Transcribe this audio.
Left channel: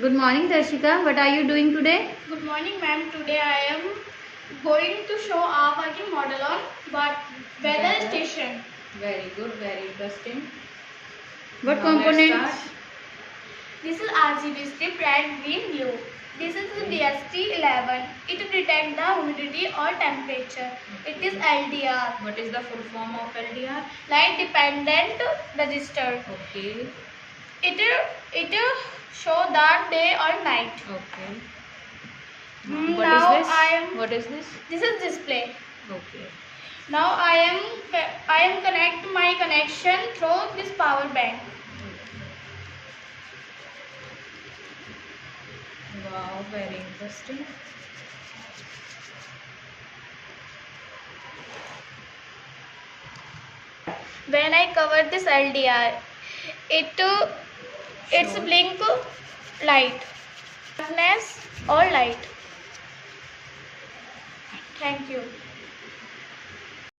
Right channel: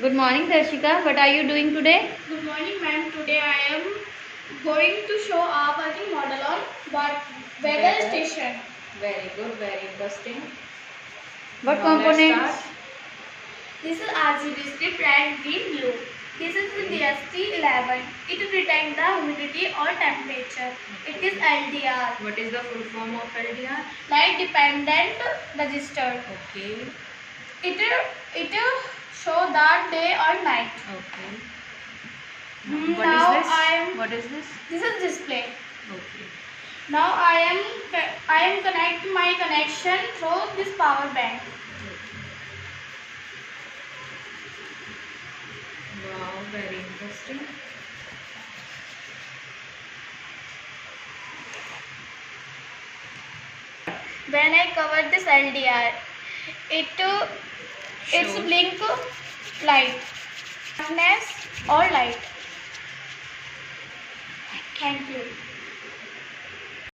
Good morning, Darshika. What are you doing today? Good morning, ma'am. Today I am going to show our working model on weather station. Very good, very interesting. What Now components? This is RGB strip, red, green, blue. This is the DST11. It detects the humidity or temperature. It is LDR. What is the full form of LDR? Light dependent register. Okay. It show that day or night. Okay. Now What is this? I am. What is this? This is display. Okay. Now I am connect my connection through this power bank. Wow, very interesting. When I cover this LDR, it's blink light, darkness or light. Thank you.